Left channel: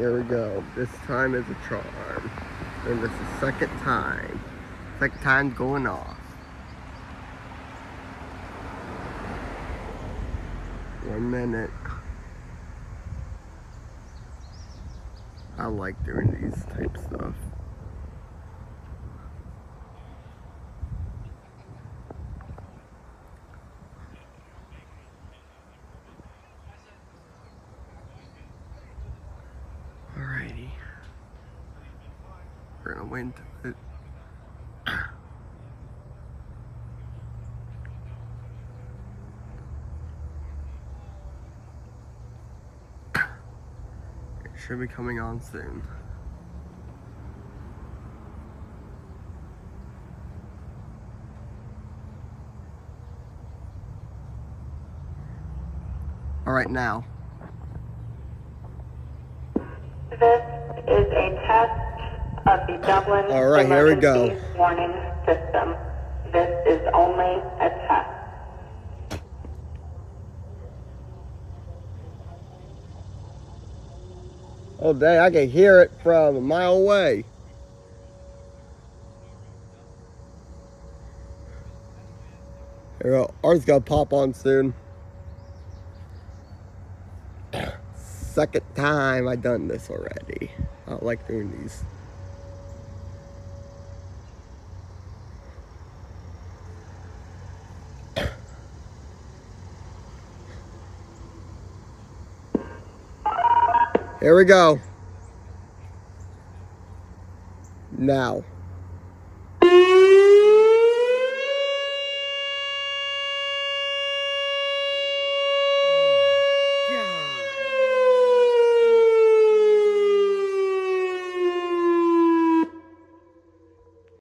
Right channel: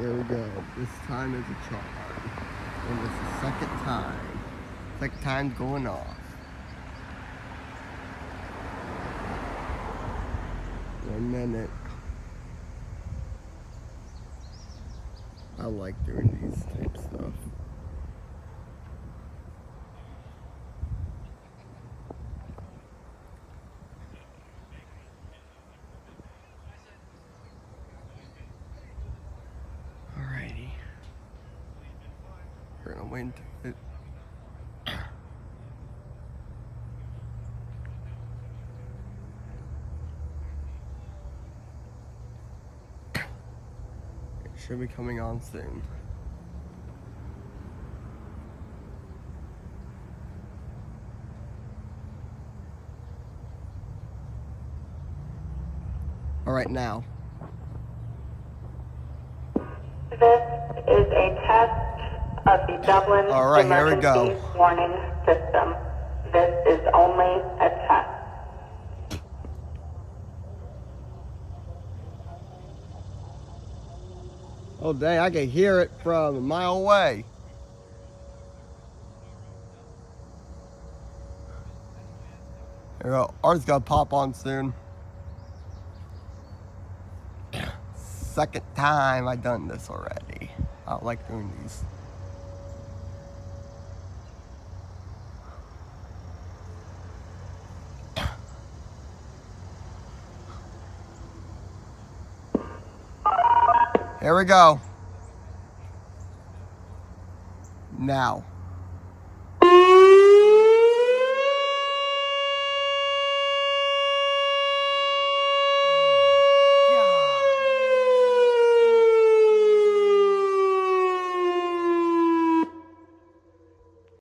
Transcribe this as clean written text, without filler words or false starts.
here we go. This time is a charm. And this is second time. Second time going off. 1 minute. I like doing these type stuff. Alrighty. We're gonna wait until it. It should be coming on soon. Alright, now. This is a test of the Dublin Emergency Warning System. This is only a test. Oh dang, I can hear it from a mile away. There we go. Ours gonna pop on soon. Second time I done this already. I like doing these. Here we go. Now.